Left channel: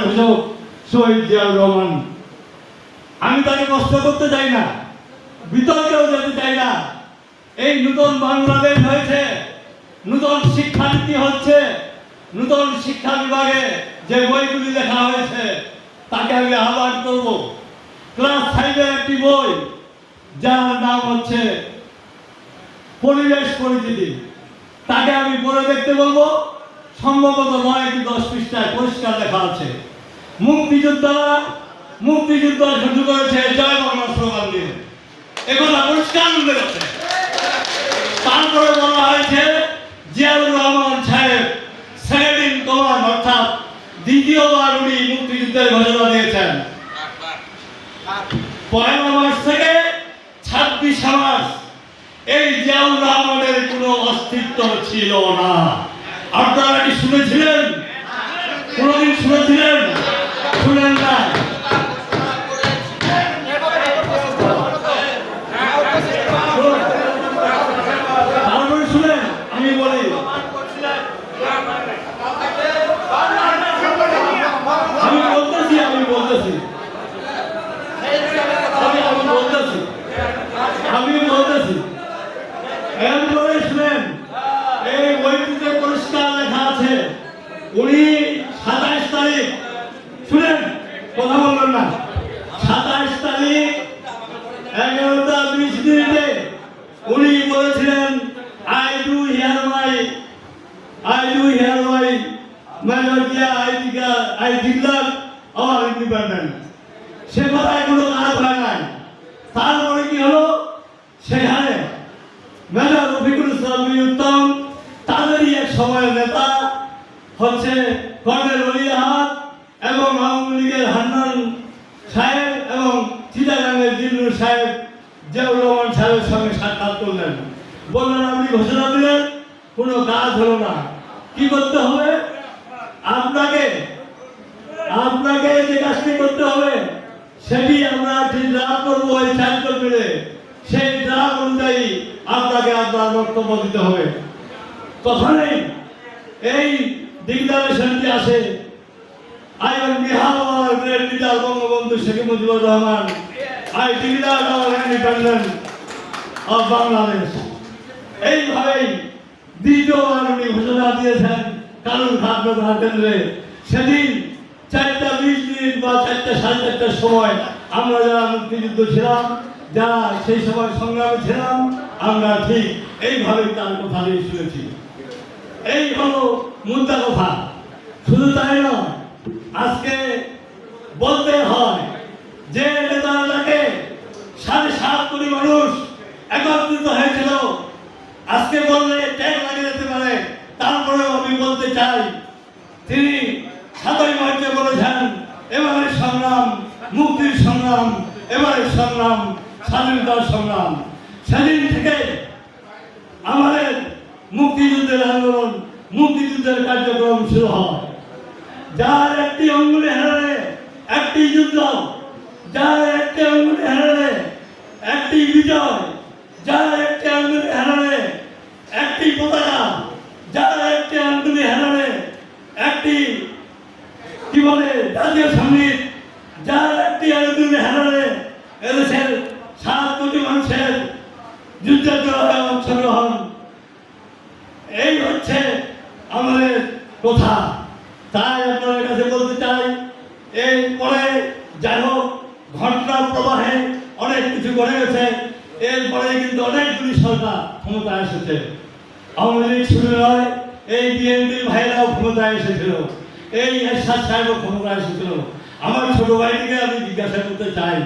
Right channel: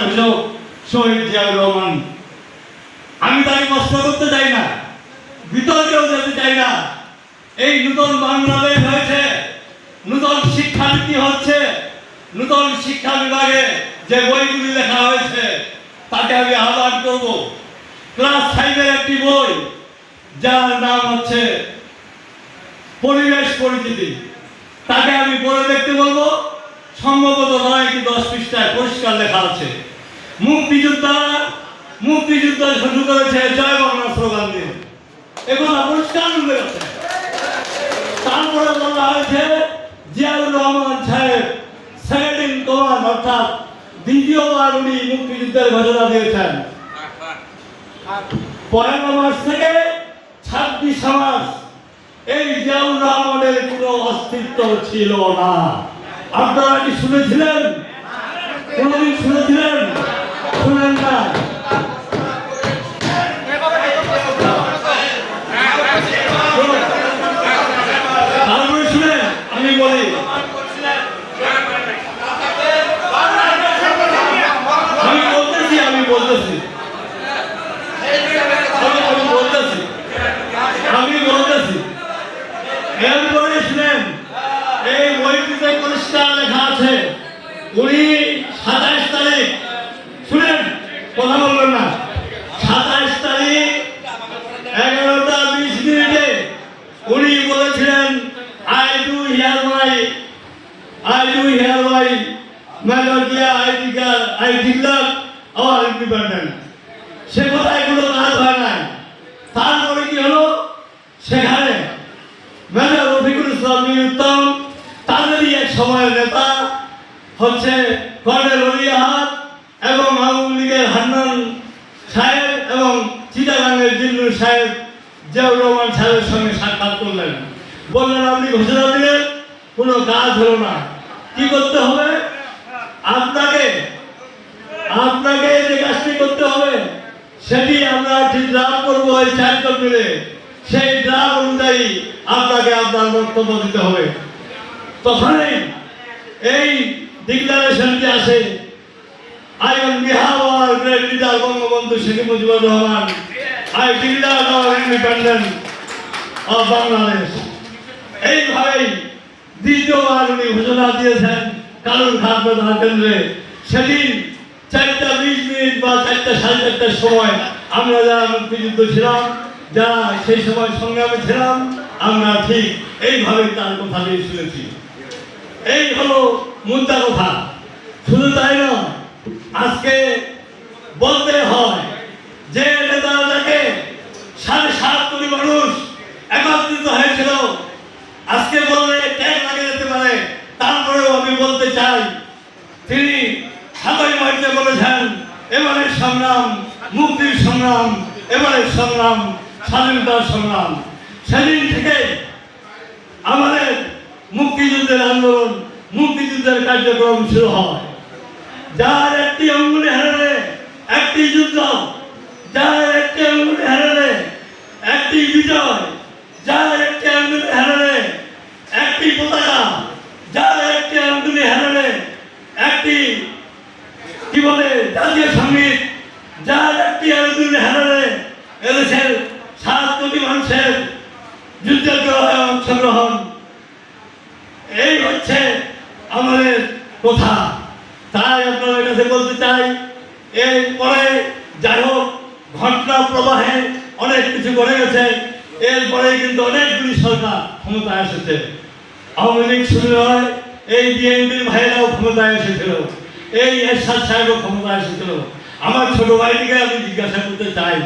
ঘোষক শহীদ জিয়াউর রহমান। আমি তাকে কষ্ট করতে চাই না, বিতর্কেও যেতে চাই না। এই নতুন বাংলাদেশ হয়েছে, নতুন শিক্ষানীতি হচ্ছে, নতুন শিক্ষা বিভাগে যে বইগুলি লেখা হয়েছে তাকে আমি আহ্বান করব। ক্লাস 5-এর একটি বই যার নাম হচ্ছে পরিবেশ পরিচিতি, তাকে আমি পড়ে দেখতে বলবো। সম্ভবত 9 কি 10 পৃষ্ঠায় পরিষ্কার লেখা আছে মুক্তিযোদ্ধা শুরু করেছে জয় বাংলা স্লোগান দিয়ে, এগুলো পরিষ্কার উল্লেখ আছে। তারপরে বলা হয়েছে জিয়াউর রহমান সাহেব সেকেন্ড ইন কমান্ড, অর্থাৎ দ্বিতীয়বার উনি মুক্তিযুদ্ধের ঘোষণা দিয়েছেন। 1 মার্চ থেকে 26 মার্চ এই জিয়াউর রহমানের কোনো অস্তিত্ব ছিল না। আপনারা কি শুনেছিলেন? কোনদিন শুনেছিলেন? শুনেন না। তারপরে শুনেন, আমি বলি এরপরে শুনেন, এই বইটিতে পরিষ্কার লেখা আছে উনি 27 তারিখ, শুনেন কথা বলবেন না, 27 তারিখ 11টা 20 মিনিটে উনি বলেছিলেন I do hereby Major Jia I declare our independence। সে কথায় কোনো কাজ হয় নাই। তারপরে কি হলো, সেখানে মেজর রফিকুল ইসলাম উত্তম, তাদেরই এক সময়ের নেতা হচ্ছে কর্নেল অলিয়াহাত এবং আওয়ামী লীগের হান্নান সাহেব এবং চিটাগাঙ্গের জিল্লুর সাহেব জিয়াউর রহমান সাহেবের সঙ্গে সাক্ষাৎ করলেন। বললেন আপনি ঘোষণা দিলেন, কোনো কাজ হলো না, কি করতে হবে? আপনাকে যে কাজটি করতে হবে সেটি আমরা ঠিক ড্রাফট করবো এই 4 জন মিলে। সেই ড্রাফট অনুযায়ী আপনাকে আপনার বক্তব্য দিতে হবে। তখনই এই ডিক্লারেশনটি আসে, I on behalf of our great leader Bangabandhu Sheikh Mujibur Rahman, I declare our independence of Bangladesh। এইভাবেই দ্বিতীয়বার উনি ঘোষণা দিয়েছেন কালুরঘাট প্রধান কেন্দ্রে। সেদিন 4টা 20 মিনিট বা 4টা 4:30টার সময় আমরা যারা মুক্তিযুদ্ধ ছিলাম, যারা সেই সময় সংগ্রামে ছিলাম, আমরা ঠিক এইভাবেই তার কথা দিয়ে শুনেছি। এই হলো মুদ্রা কথা। শুধু তাই নয়, আজকে বলতে হয় যে নেতাকে 7.5 কোটি মানুষ একত্রিত হয়েছিল, আজকে বললে ট্যাগ লাগে যেতে পারে, তারপরেও আমি বলতে চাই তিনি 7ই মার্চে বলেছেন এবারের সংগ্রাম মুক্তির সংগ্রাম, এবারের সংগ্রাম স্বাধীনতার সংগ্রাম। সেদিন থেকে আমাদের মুক্তিযুদ্ধের আন্দোলন, মুক্তিযুদ্ধের কার্যক্রম শুরু হয়। যার একটি অঙ্গুলি হারালে একটি যুদ্ধ, যার একটি অঙ্গুলি হারালে একটি বিজয়, যার একটি আঙ্গুলি হারালে একটি পতাকা, যার একটি আঙ্গুলি হারালে একটি কি বলে জাতীয় সঙ্গীত, যার একটি আঙ্গুলি হারালে এদেশের 7 কোটি মানুষের যুদ্ধের অংশগ্রহণ। এই হচ্ছে আমাদের কথা। তাই আপনাদের কাছে বলতে চাই, এরপরে যাই হোক ঘটনা প্রবাহে অনেক কিছু ঘটে গেছে। এরপরে কিন্তু অনেকগুলি সরকার ক্ষমতায় এসেছে। আওয়ামী লীগ শুরু হয়, এই বিএনপির ভাইরাও ক্ষমতায় এসেছিল, এই এরশাদ সাহেবও ক্ষমতায় এসেছিল। আমার ছোট ভাইটিকে আমি জিজ্ঞাসা করতে চাই,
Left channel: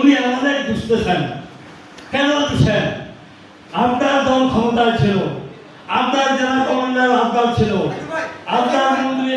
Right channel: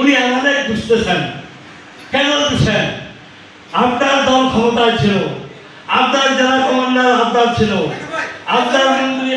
উনি আমাদের দুষতেছেন কেন? দুষেন, আপনার দল ক্ষমতায় ছিল, আপনার জেলা কমান্ডার আপনার ছিল, আপনার মন্ত্রী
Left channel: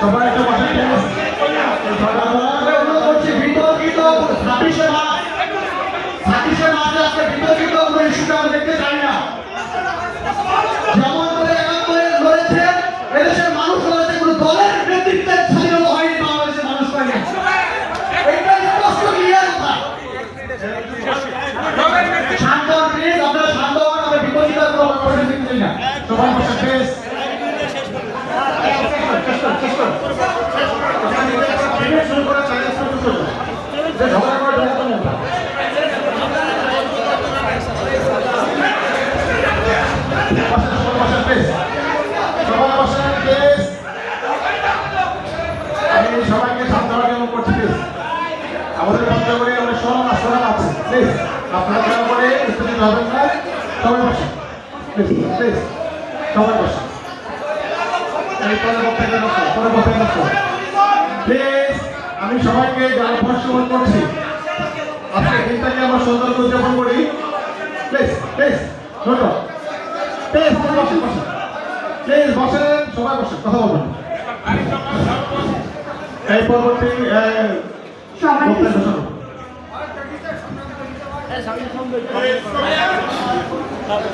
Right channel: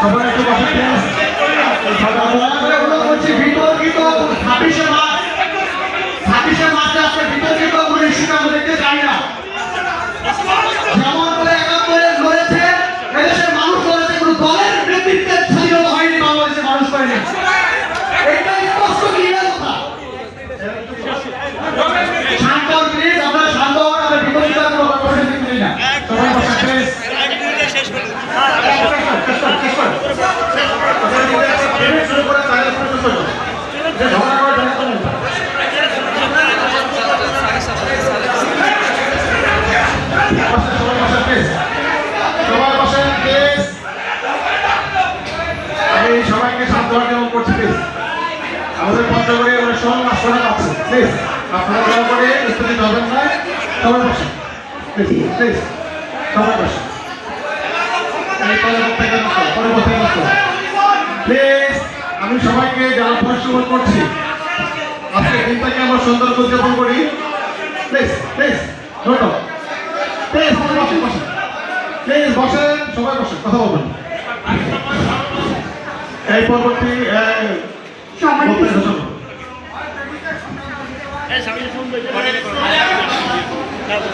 সবাই একটু বসে প্লিজ। করছি বিতর্কিত 26শে মার্চে আজকে বিতর্কিত কোনো ইস্যুটা আমরা দেখতে চাই না। যেমন করে 71 লড়েছে, এদেশের মানুষ লড়েছে, কোনো দলের নেতৃত্বের স্বাধীনতা হয়নি, বাংলাদেশের মানুষ পায়নি। এটা স্পষ্ট ক্লিয়ার কথা। শান্ত হন প্লিজ, আপনারা শান্ত হন, আমরা বিতর্কিত কোনো কনভারসেশন করি না। সবাই বসে প্লিজ। শুরু করে তাহলে শুরু করো। ঝগড়া করে ঝগড়া করে না। সবাই বসেন প্লিজ। আমি সবাইকে শান্ত হওয়ার জন্য করছি প্লিজ। আমাদের বন্ধ করে অনেক সময় শোনা পাচ্ছে প্লিজ। আপনারা দয়া করে স্থিতি হবেন না। সবাই বসেন প্লিজ প্লিজ। সবাই বসেন। প্লিজ আমি সবাইকে যারা পরিশ্রম করছি আজকে দিনটাকে আমরা সুন্দর উদযাপন করি। প্লিজ প্লিজ প্লিজ বসেন বসেন প্লিজ বসেন, সবাই বসেন, কথা বলবেন। এই পরবর্তী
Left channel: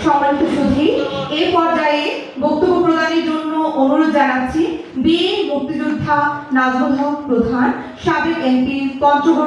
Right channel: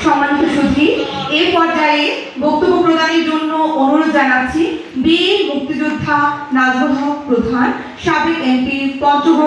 সম্মানিত সুধী, এই পর্যায়ে বক্তব্য প্রদানের জন্য অনুরোধ জানাচ্ছি বীর মুক্তিযোদ্ধা নাজমুল হক প্রধান, সাবেক এমপি, পঞ্চগড়